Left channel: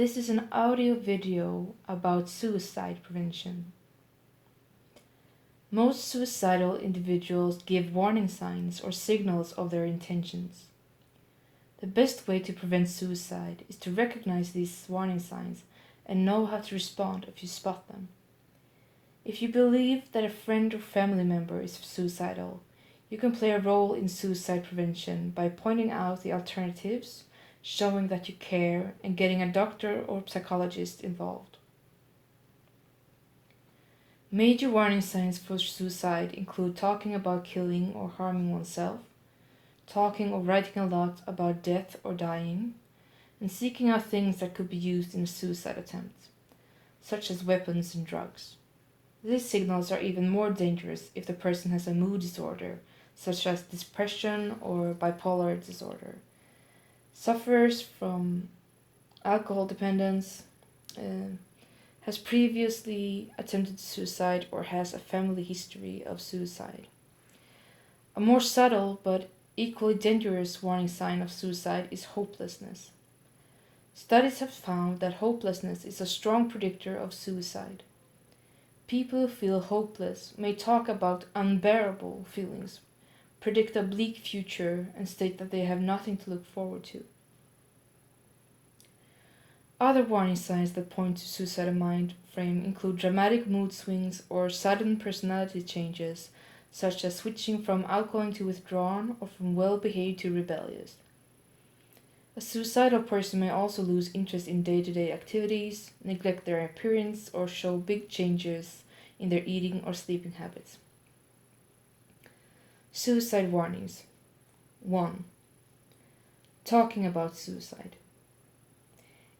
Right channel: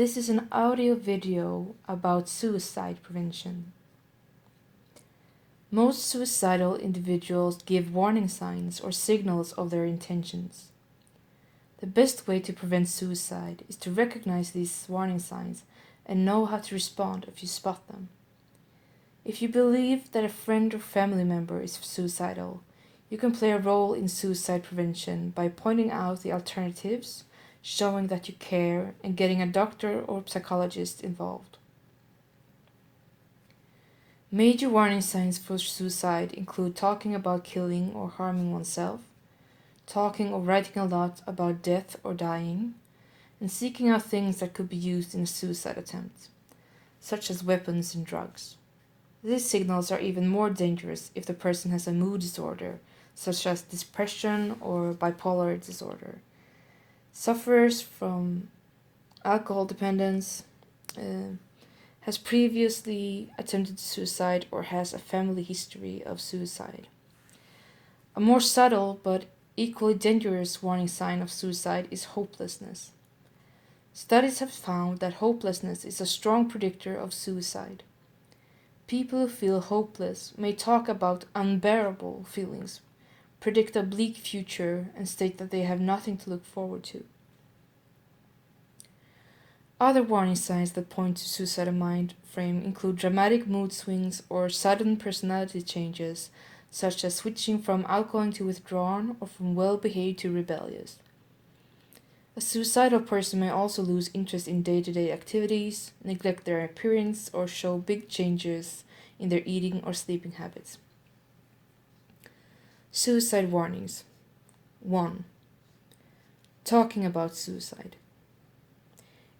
This is an audio video about suicide prevention. Most suicidal individuals give warning signs or signals of their intentions. The best way to prevent suicide is to recognize these warning signs and know how to respond if you spot them. If you believe that a friend or family member is suicidal, you can play a role in suicide prevention by pointing out the alternatives, showing that you care, and getting a doctor or psychologist involved. Major warning signs for suicide include talking about killing or harming oneself, talking or writing a lot about death or dying, and seeking out things that could be used in a suicide attempt, such as weapons and drugs. These signals are even more dangerous if the person has a mood disorder, such as depression or bipolar disorder, suffers from alcohol dependence, has previously attempted suicide, or has a family history of suicide. A more subtle but equally dangerous warning sign of suicide is hopelessness. Studies have found that hopelessness is a strong predictor of suicide. People who feel hopeless may talk about unbearable feelings, predict a bleak future, and state that they have nothing to look forward to. Other warning signs that point to suicidal mind frame include dramatic mood swings or sudden personality changes, such as switching from outgoing to withdrawn or from well-behaved to rebellious. A suicidal person may also lose interest in day-to-day activities, neglect their appearance, or show big changes in their eating or sleeping habits. Suicide warnings. 1. Talking about suicide.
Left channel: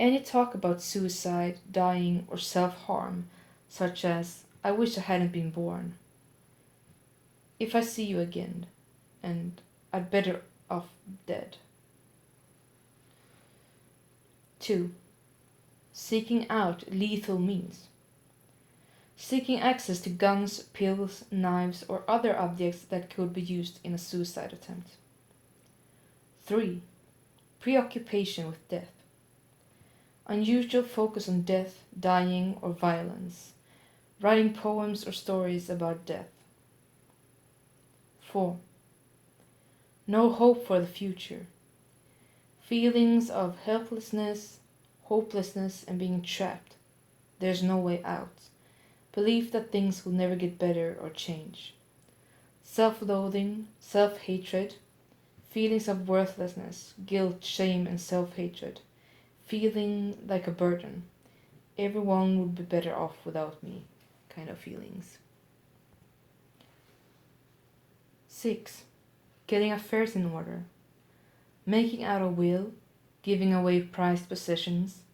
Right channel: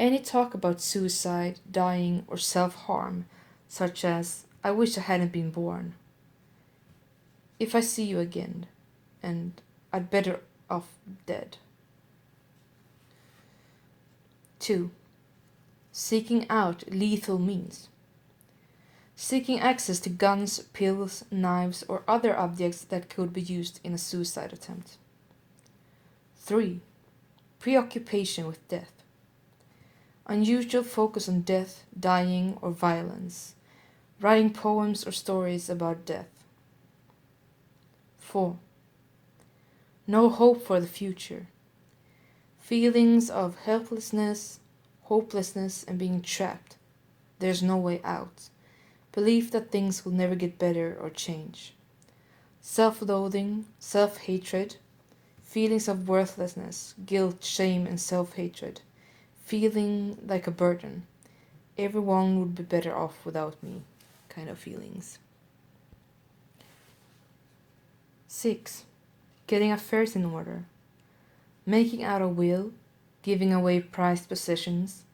Any talk about suicide, dying, or self-harm, such as, "I wish I hadn't been born," "if I see you again," and "I'd better off dead." 2. Seeking out lethal means. Seeking access to guns, pills, knives, or other objects that could be used in a suicide attempt. 3. Preoccupation with death. Unusual focus on death, dying, or violence. Writing poems or stories about death. 4. No hope for the future. Feelings of helplessness, hopelessness, and being trapped. There's no way out. Belief that things will never get better or change. Self-loathing, self-hatred. Feelings of worthlessness, guilt, shame, and self-hatred. Feeling like a burden. Everyone would be better off without me kind of feelings. 6. Getting affairs in order. Making out a will, giving away prized possessions,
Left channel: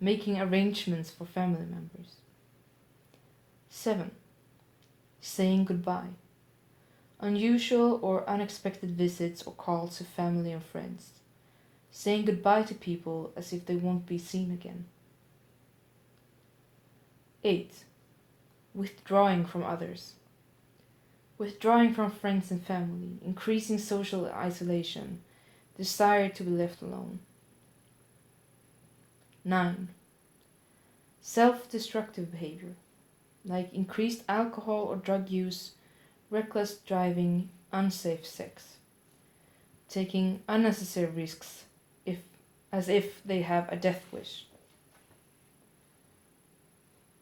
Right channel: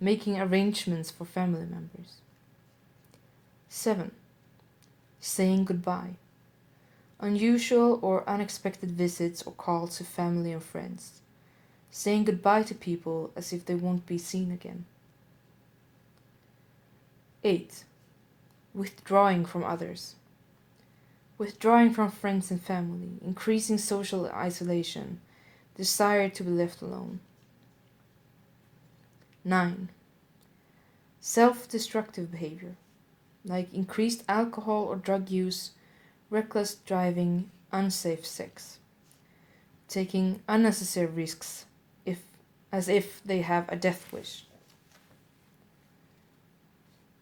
making arrangements for family members. 7. Saying goodbye. Unusual or unexpected visits or calls to family and friends. Saying goodbye to people as if they won't be seen again. 8. Withdrawing from others. Withdrawing from friends and family, increasing social isolation, desire to be left alone. 9. Self-destructive behavior, like increased alcohol or drug use, reckless driving, unsafe sex. Taking unnecessary risks as if they have a death wish.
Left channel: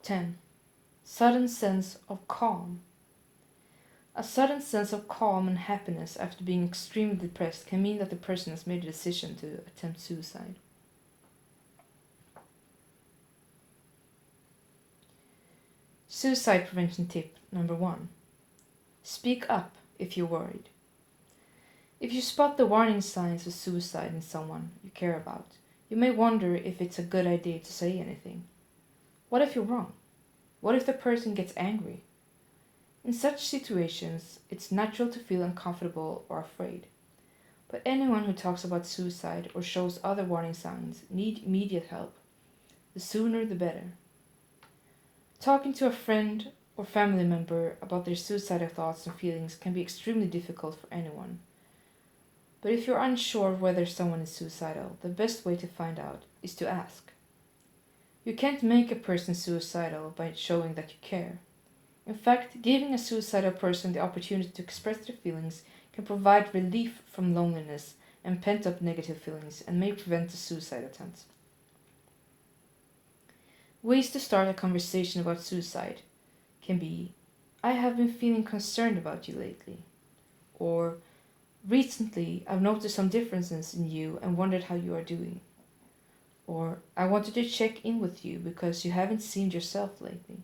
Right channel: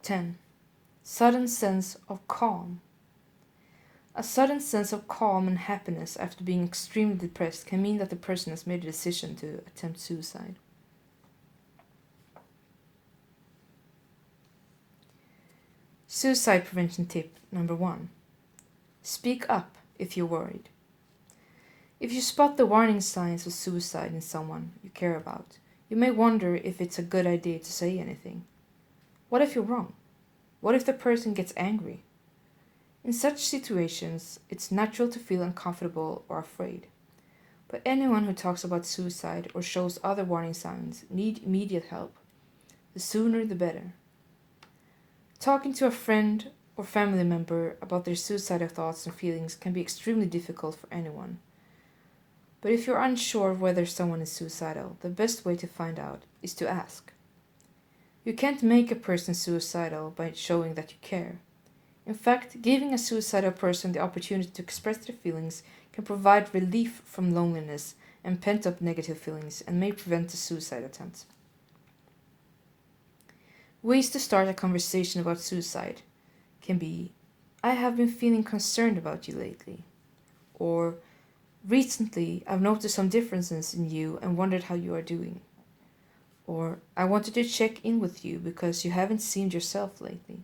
10. Sudden sense of calm. A sudden sense of calm and happiness after being extremely depressed can mean that the person has made a decision to attempt suicide. Suicide prevention tip number 1. Speak up if you're worried. If you spot the warning signs of suicide in someone you care about, you may wonder if it's a good idea to say anything. What if you're wrong? What if the person gets angry? In such situations, it's natural to feel uncomfortable or afraid. But anyone who talks about suicide or shows other warning signs need immediate help. The sooner the better. Talking to a friend or family member about their suicidal thoughts and feelings can be extremely difficult for anyone. But if you're unsure of whether someone is suicidal, the best way to find out is to ask. You can't make a person suicidal by showing that you care. In fact, giving a suicidal person the opportunity to express their feelings can provide relief from loneliness and pent up negative feelings and may prevent a suicide attempt. Ways to start a conversation about suicide can be: I have been feeling concerned about you lately. Or, recently I've noticed some differences in you and wondered how you are doing. Or, I wanted to check in with you because you haven't seemed yourself lately.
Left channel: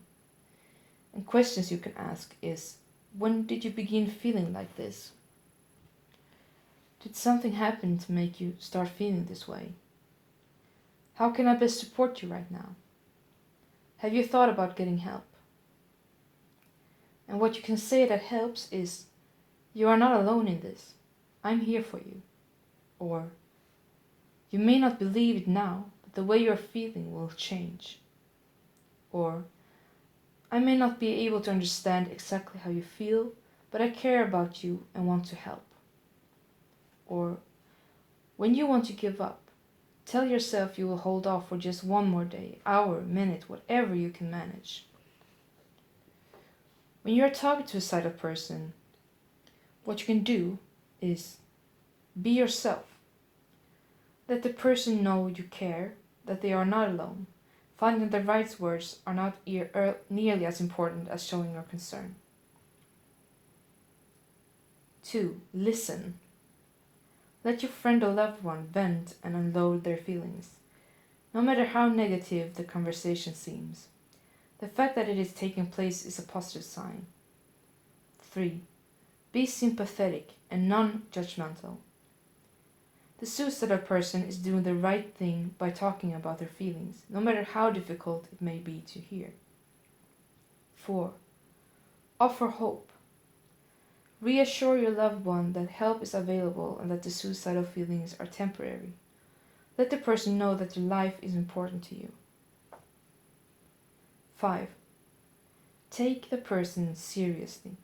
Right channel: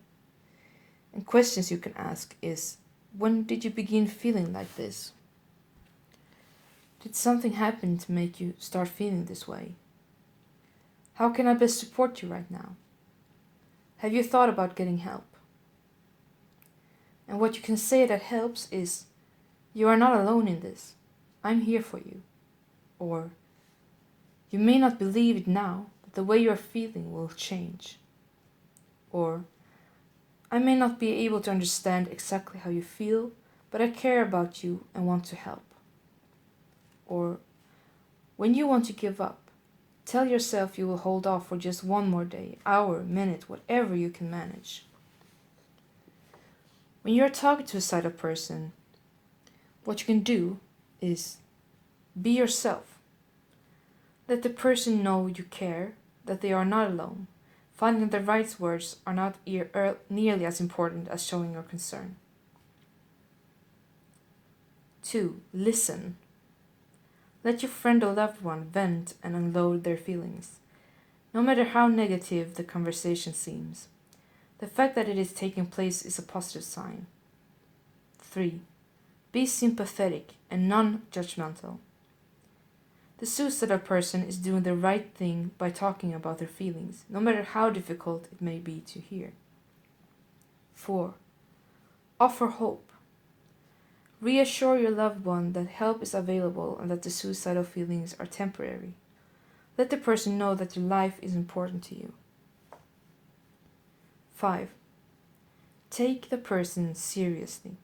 And questions you can ask is: when did you begin feeling like this? Did something happen to make you start feeling this way? How can I best support you right now? Have you thought about getting help? And what you can say that helps is: you are not alone in this. I'm here for you. Or, you may not believe it now, but the way you are feeling will change. Or, I may not be able to understand exactly how you feel, but I care about you and want to help. Or, when you want to give up, tell yourself you will hold off for just one more day, hour, minute, whatever you can manage. When you're talking to a suicidal person, what you can do is be yourself. Let the person know you care, that they are not alone. Finding the right words are not nearly as important as showing your concern. 2. Listen. Let your friend or loved one vent and unload their feelings, no matter how negative the conversation seems. The fact that it is taking place is a positive sign. 3. Be sympathetic and non-judgmental. The suicidal person is doing the right thing by talking about their feelings, no matter how difficult it may be to hear. 4. Offer hope. Reassure your loved one that help is available and that the suicidal feelings are temporary. Let the person know that your life is important to you. 5. Take the person seriously.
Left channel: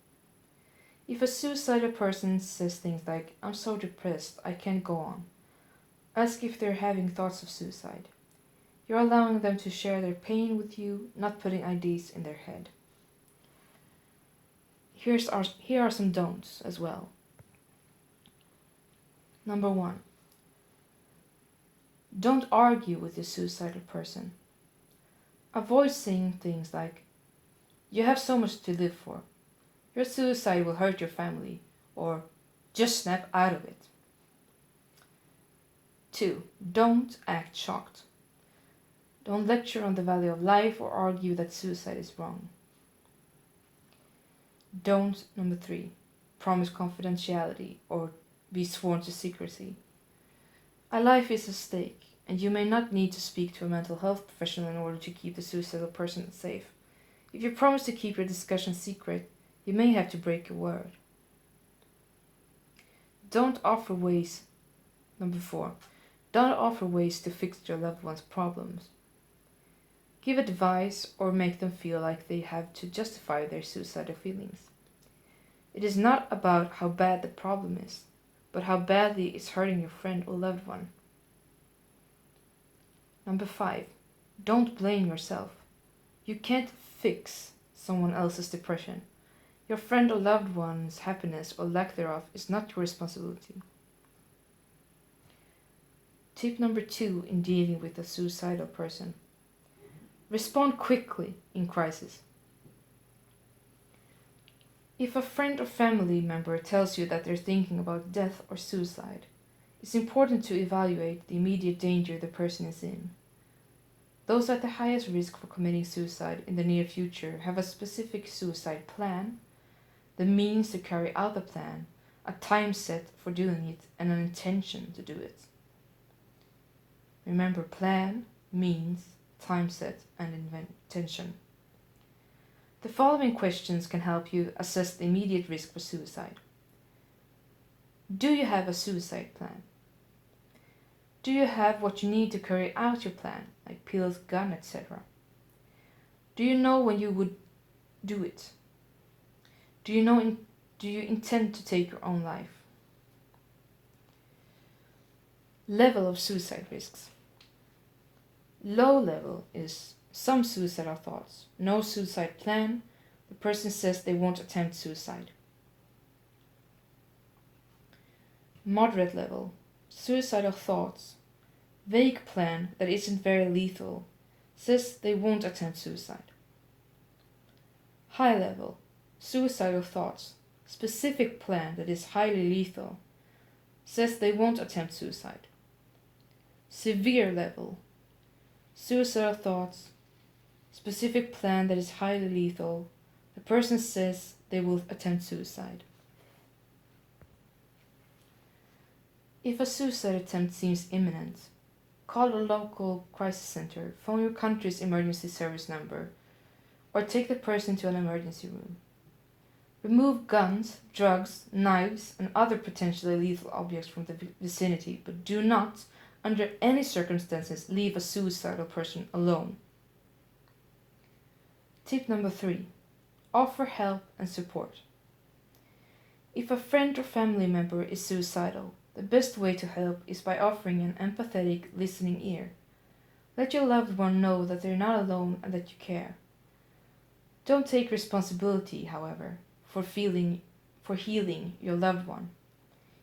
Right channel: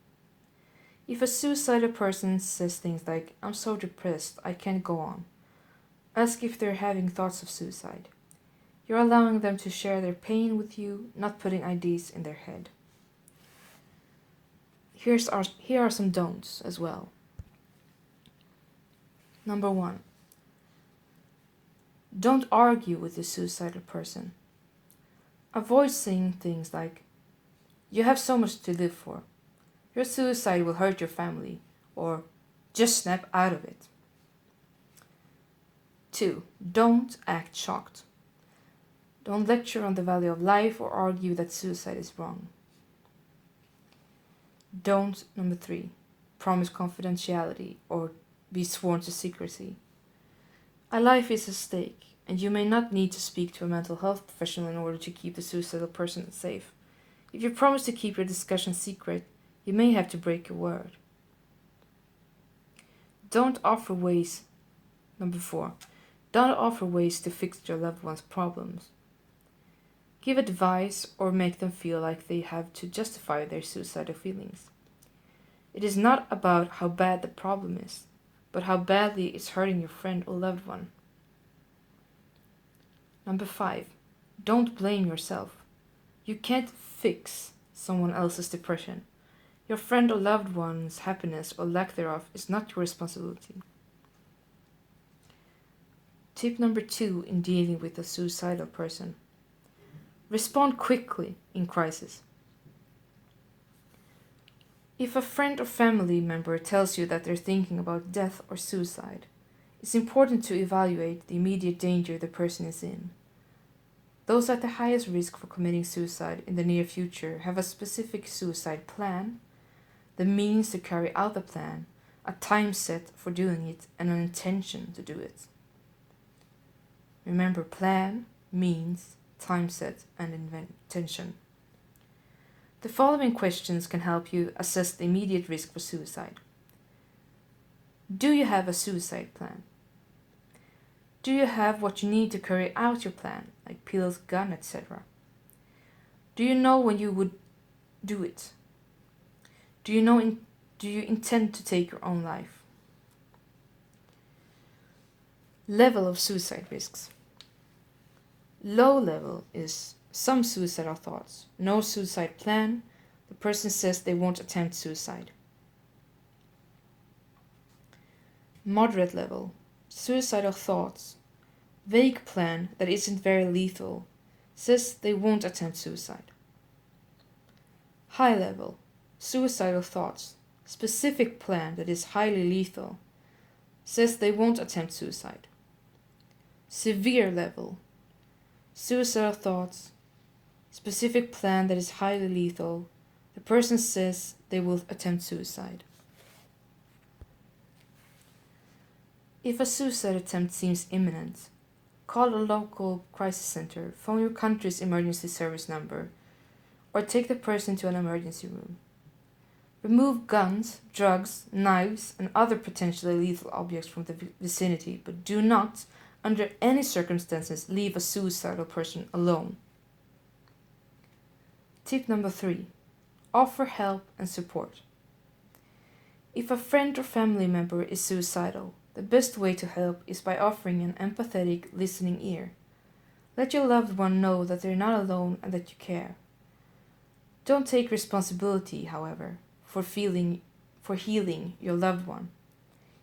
If a suicidal person says things like, I'm so depressed, I can't go on, ask if they're having thoughts of suicide. You're allowing them to share their pain with you, not putting ideas in their head. Here are some don'ts as well. Number 1. Don't argue with the suicidal person. Avoid saying things like, you have so much to live for, your suicide will hurt your family, or just snap out of it. 2. Don't act shocked. Don't lecture on the value of life or argue that suicide is wrong. Don't, number 3, promise confidentiality or be sworn to secrecy. A life is at stake, and you may not need to speak to a mental health professional in order to keep the suicidal person safe. If you promise to keep your discussion secret, you may have to break your word. Don't offer ways, number 4, don't offer ways to fix your loved one's problems. Give advice or make them feel like they have to justify their suicidal feelings. It is not about how bad the problem is, but how badly it's hurting your friend or loved one. Number 5, don't blame yourself. You can't fix someone else's depression. Your friend or loved one's happiness or lack thereof is not your responsibility. Tip number 2 in dealing with a suicidal person. Respond quickly in crisis. If a friend or family member tells you that they're thinking about death or suicide, it's important to evaluate the immediate danger the person is in. Those at the highest risk for committing suicide in the near future have a specific suicide plan, the means to carry out the plan, a time set for doing it, and an intention to do it. Remember, plan, means, time set, and intention. The following questions can help you assess the immediate risk for suicide. Do you have a suicide plan? Do you have what you need to carry out your plan, like pills, gun, etc.? Do you know when you would do it? Do you intend to take your own life? Level of suicide risks. Low level is some suicidal thoughts, no suicide plan, the person says they won't attempt suicide. Moderate level, suicidal thoughts, vague plan that isn't very lethal, says they won't attempt suicide. High level, suicidal thoughts, specific plan that is highly lethal, says they won't attempt suicide. Severe level, suicidal thoughts, specific plan that is highly lethal, the person says they will attempt suicide. If a suicide attempt seems imminent, call a local crisis center, phone your country's emergency service number, or take the person to an emergency room. Remove guns, drugs, knives, and other potentially lethal objects from the vicinity, but do not, under any circumstances, leave a suicidal person alone. Tip number 3. Offer help and support. If a friend or family member is suicidal, the best way to help is by offering an empathetic, listening ear. Let your loved one know that they're not alone and that you care. Don't take responsibility, however, for healing your loved one.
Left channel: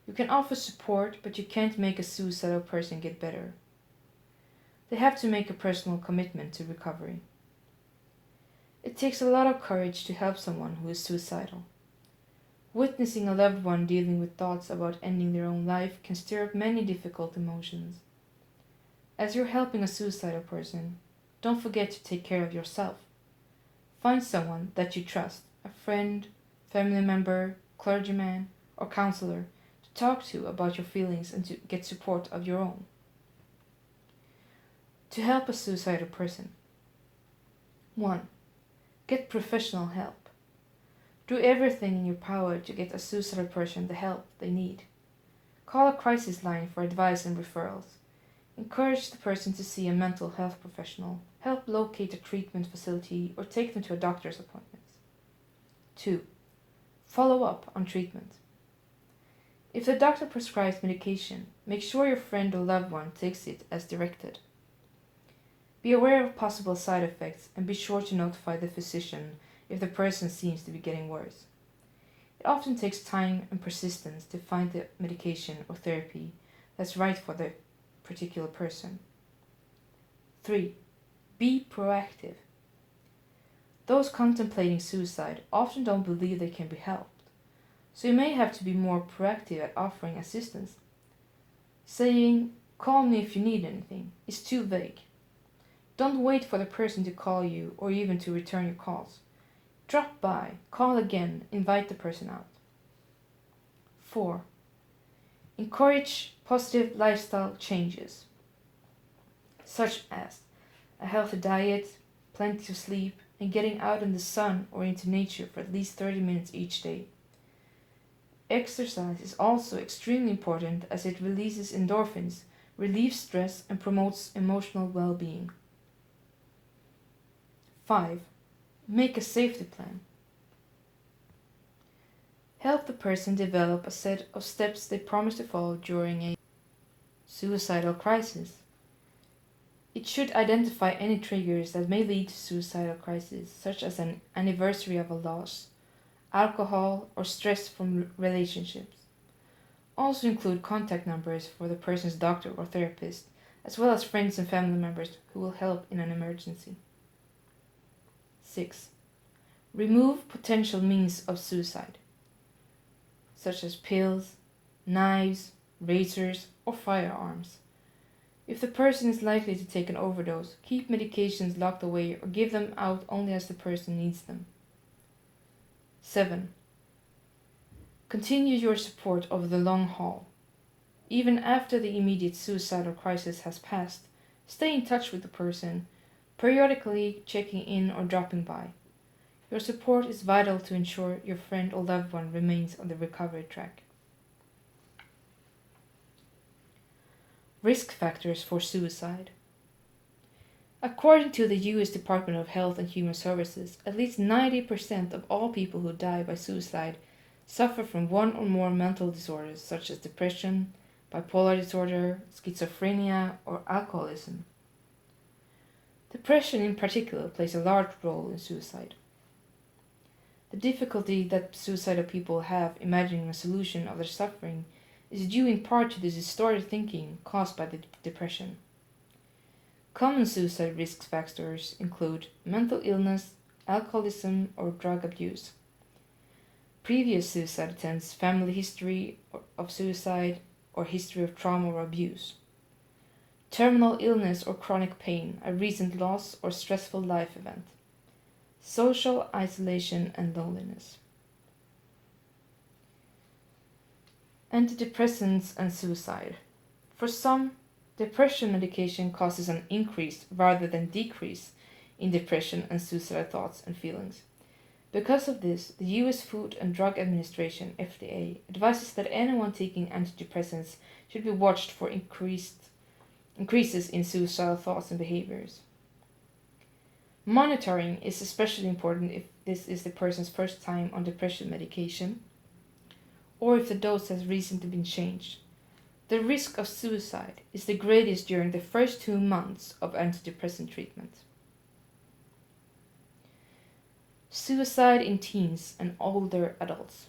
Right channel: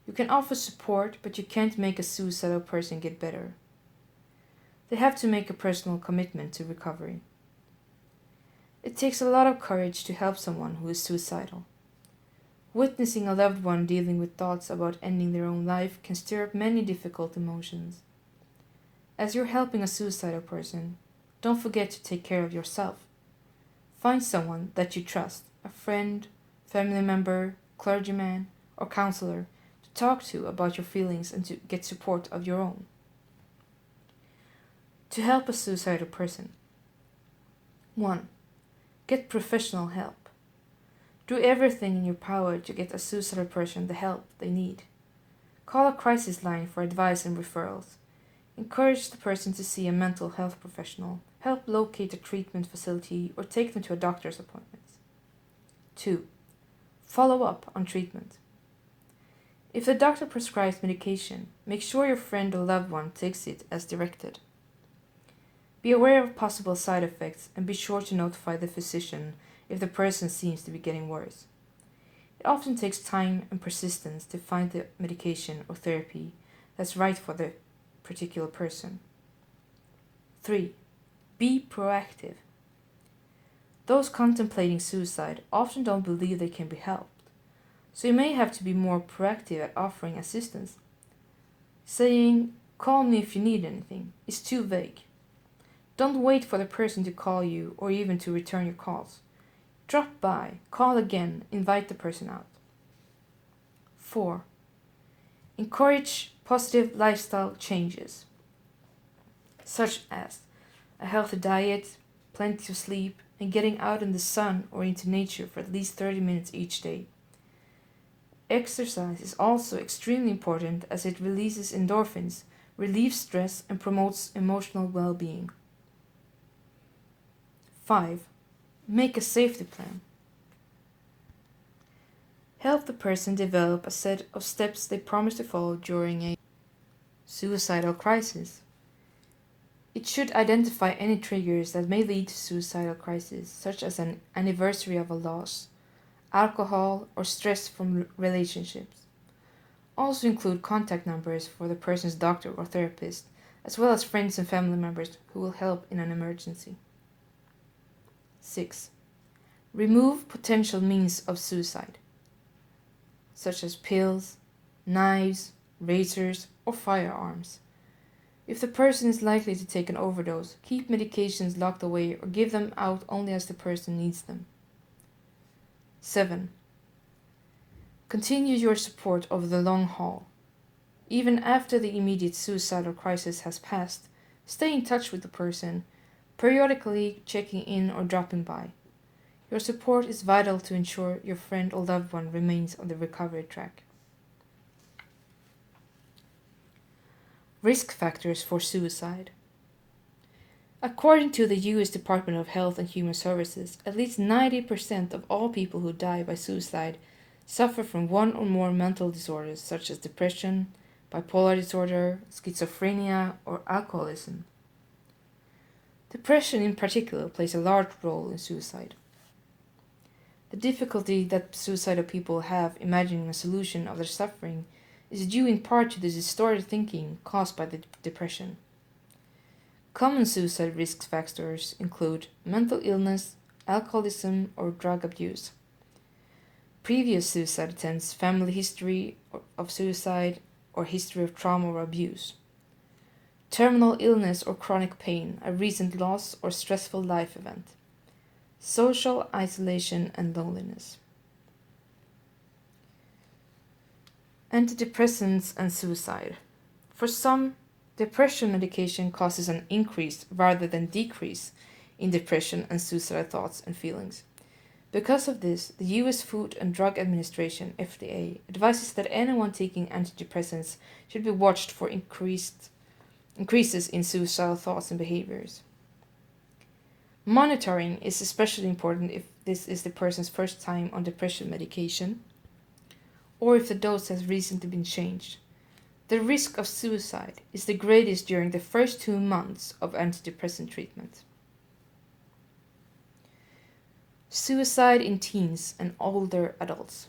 You can offer support, but you can't make a suicidal person get better. They have to make a personal commitment to recovery. It takes a lot of courage to help someone who is suicidal. Witnessing a loved one dealing with thoughts about ending their own life can stir up many difficult emotions. As you're helping a suicidal person, don't forget to take care of yourself. Find someone that you trust, a friend, family member, clergyman, or counselor, to talk to about your feelings and to get support of your own. To help a suicidal person. 1. Get professional help. Do everything in your power to get a suicidal person the help they need. Call a crisis line for advice and referrals. Encourage the person to see a mental health professional. Help locate a treatment facility or take them to a doctor's appointment. 2. Follow up on treatment. If the doctor prescribes medication, make sure your friend or loved one takes it as directed. Be aware of possible side effects and be sure to notify the physician if the person seems to be getting worse. It often takes time and persistence to find the medication or therapy that's right for the particular person. 3. Be proactive. Those contemplating suicide often don't believe they can be helped, so you may have to be more proactive at offering assistance. Saying, "Call me if you need anything," is too vague. Don't wait for the person to call you or even to return your calls. Drop by, call again, invite the person out. 4. Encourage positive lifestyle changes, such as a healthy diet, plenty of sleep, and getting out in the sun or into nature for at least 30 minutes each day. Exercise is also extremely important as it releases endorphins, relieves stress, and promotes emotional well-being. 5. Make a safety plan. Help the person develop a set of steps they promise to follow during a suicidal crisis. It should identify any triggers that may lead to suicidal crisis, such as an anniversary of a loss, alcohol, or stress from relationships. Also include contact numbers for the person's doctor or therapist, as well as friends and family members who will help in an emergency. 6. Remove potential means of suicide, such as pills, knives, razors, or firearms. If the person is likely to take an overdose, keep medications locked away or give them out only as the person needs them. 7. Continue your support over the long haul. Even after the immediate suicidal crisis has passed, stay in touch with the person, periodically checking in or dropping by. Your support is vital to ensure your friend or loved one remains on the recovery track. Risk factors for suicide. According to the U.S. Department of Health and Human Services, at least 90% of all people who die by suicide suffer from one or more mental disorders such as depression, bipolar disorder, schizophrenia, or alcoholism. Depression in particular plays a large role in suicide. The difficulty that suicidal people have imagining a solution of their suffering is due in part to the distorted thinking caused by the depression. Common suicide risk factors include mental illness, alcoholism, or drug abuse, previous suicide attempts, family history of suicide, or history of trauma or abuse, terminal illness or chronic pain, a recent loss or stressful life event, social isolation and loneliness. Antidepressants and suicide. For some, depression medication causes an increase rather than decrease in depression and suicidal thoughts and feelings. Because of this, the US Food and Drug Administration (FDA) advises that anyone taking antidepressants should be watched for increases in suicidal thoughts and behaviors. Monitoring is especially important if this is the person's first time on depression medication or if the dose has recently been changed. The risk of suicide is the greatest during the first 2 months of antidepressant treatment. Suicide in teens and older adults.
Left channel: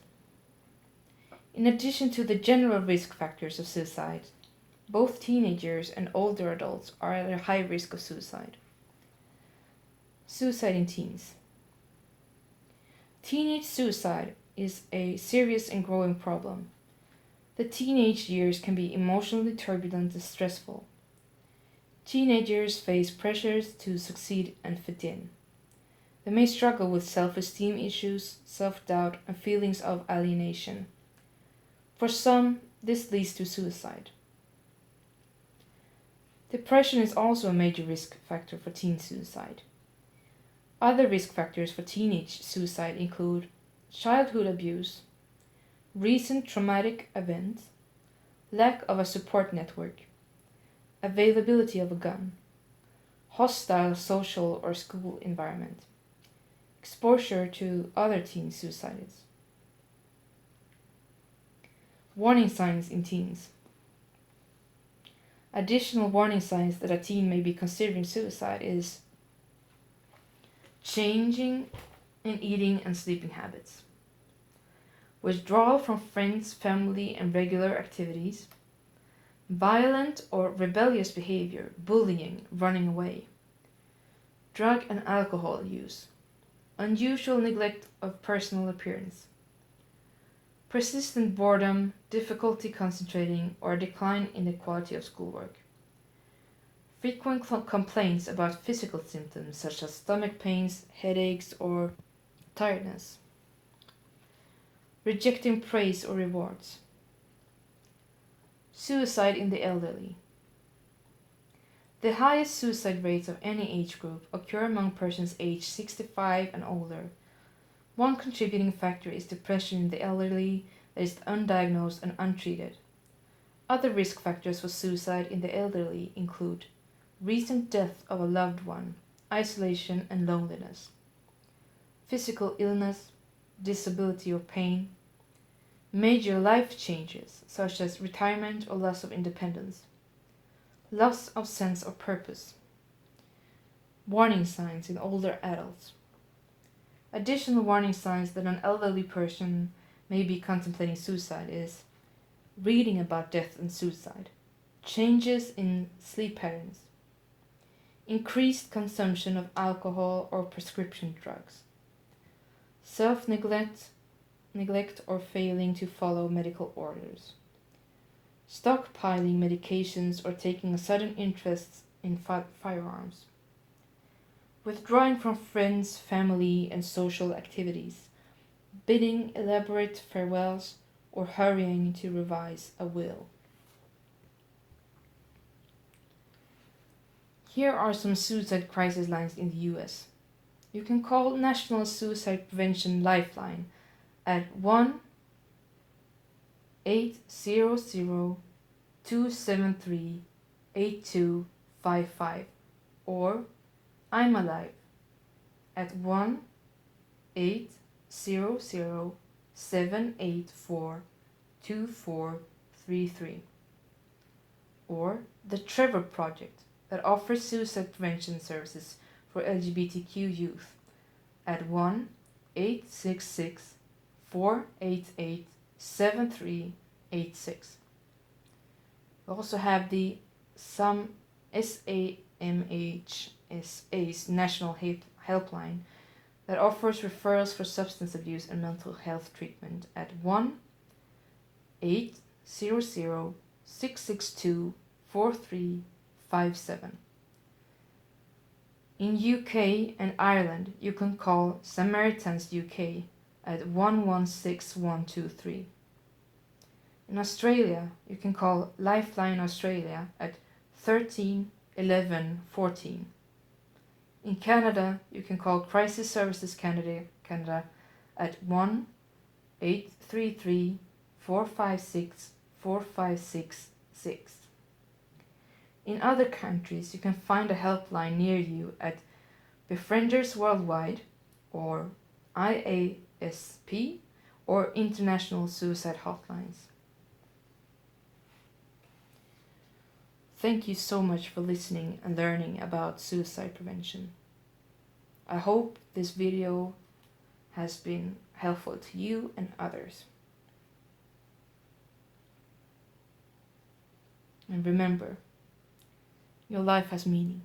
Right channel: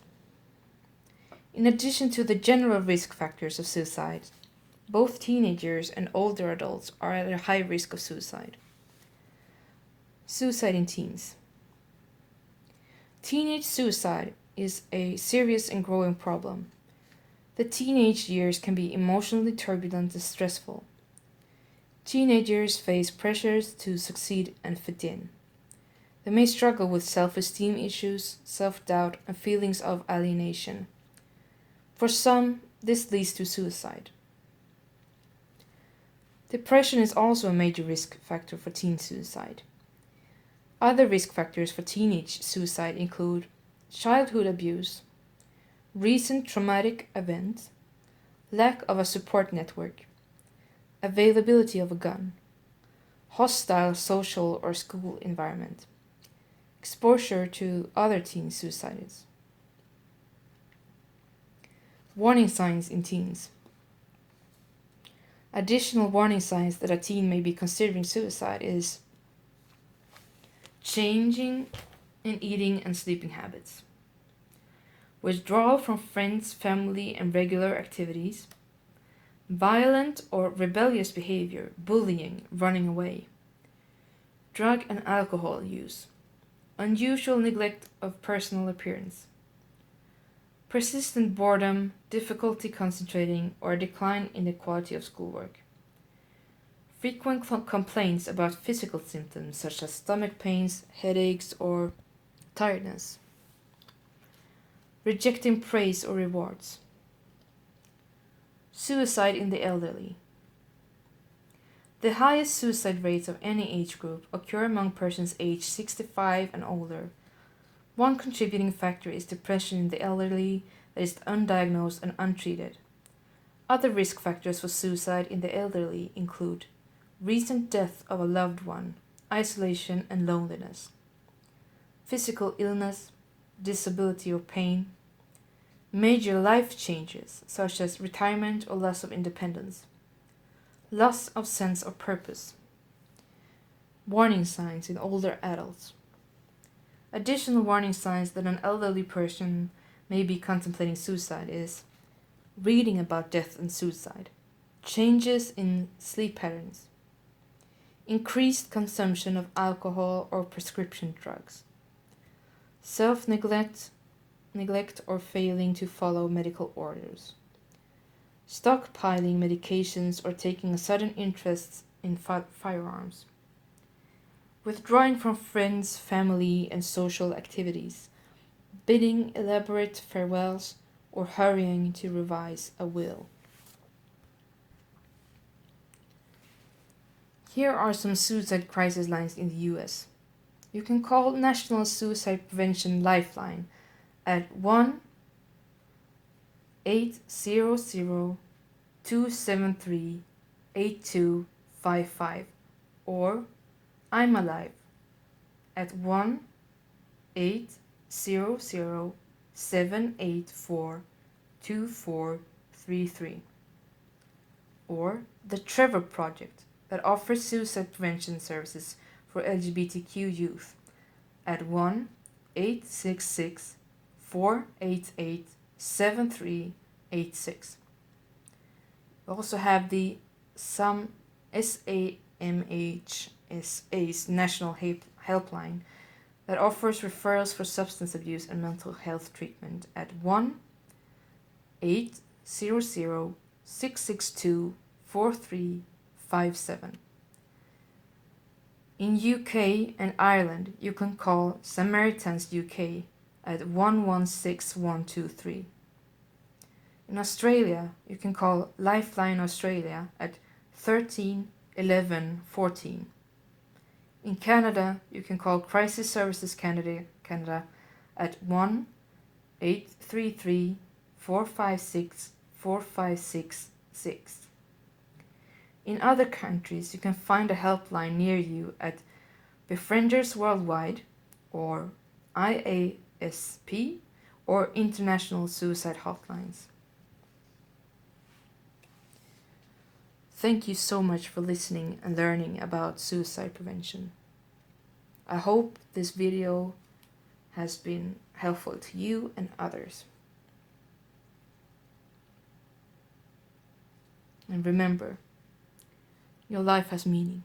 In addition to the general risk factors of suicide, both teenagers and older adults are at a high risk of suicide. Suicide in teens. Teenage suicide is a serious and growing problem. The teenage years can be emotionally turbulent and stressful. Teenagers face pressures to succeed and fit in. They may struggle with self-esteem issues, self-doubt, and feelings of alienation. For some, this leads to suicide. Depression is also a major risk factor for teen suicide. Other risk factors for teenage suicide include childhood abuse, recent traumatic events, lack of a support network, availability of a gun, hostile social or school environment, exposure to other teen suicides. Warning signs in teens. Additional warning signs that a teen may be considering suicide is changing in eating and sleeping habits, withdrawal from friends, family, and regular activities, violent or rebellious behavior, bullying, running away, drug and alcohol use, unusual neglect of personal appearance, persistent boredom, difficulty concentrating, or decline in the quality of schoolwork, frequent complaints about physical symptoms such as stomach pains, headaches, or tiredness, rejecting praise or rewards, suicide in the elderly. The highest suicide rates of any age group occur among persons aged 65 and older. One contributing factor is depression in the elderly that is undiagnosed and untreated. Other risk factors for suicide in the elderly include recent death of a loved one, isolation and loneliness, physical illness, disability or pain, major life changes such as retirement or loss of independence, loss of sense of purpose. Warning signs in older adults. Additional warning signs that an elderly person may be contemplating suicide is reading about death and suicide, changes in sleep patterns, increased consumption of alcohol or prescription drugs, self-neglect or failing to follow medical orders, stockpiling medications or taking a sudden interest in firearms, withdrawing from friends, family, and social activities, bidding elaborate farewells, or hurrying to revise a will. Here are some suicide crisis lines in the US. You can call National Suicide Prevention Lifeline at 1-800-273-8255 or I'm Alive at 1-800-784-2433 or the Trevor Project that offers suicide prevention services for LGBTQ youth at 1-866-488-7386. We also have the SAMHSA's National Helpline that offers referrals for substance abuse and mental health treatment at 1-800-662-4357. In UK and Ireland, you can call Samaritans UK at 116123. In Australia, you can call Lifeline Australia at 13 11 14. In Canada, you can call Crisis Services Canada at 1-833-456-4566. In other countries, you can find a helpline near you at Befrienders Worldwide or IASP or International Suicide Hotlines. Thank you so much for listening and learning about suicide prevention. I hope this video has been helpful to you and others. And remember, your life has meaning.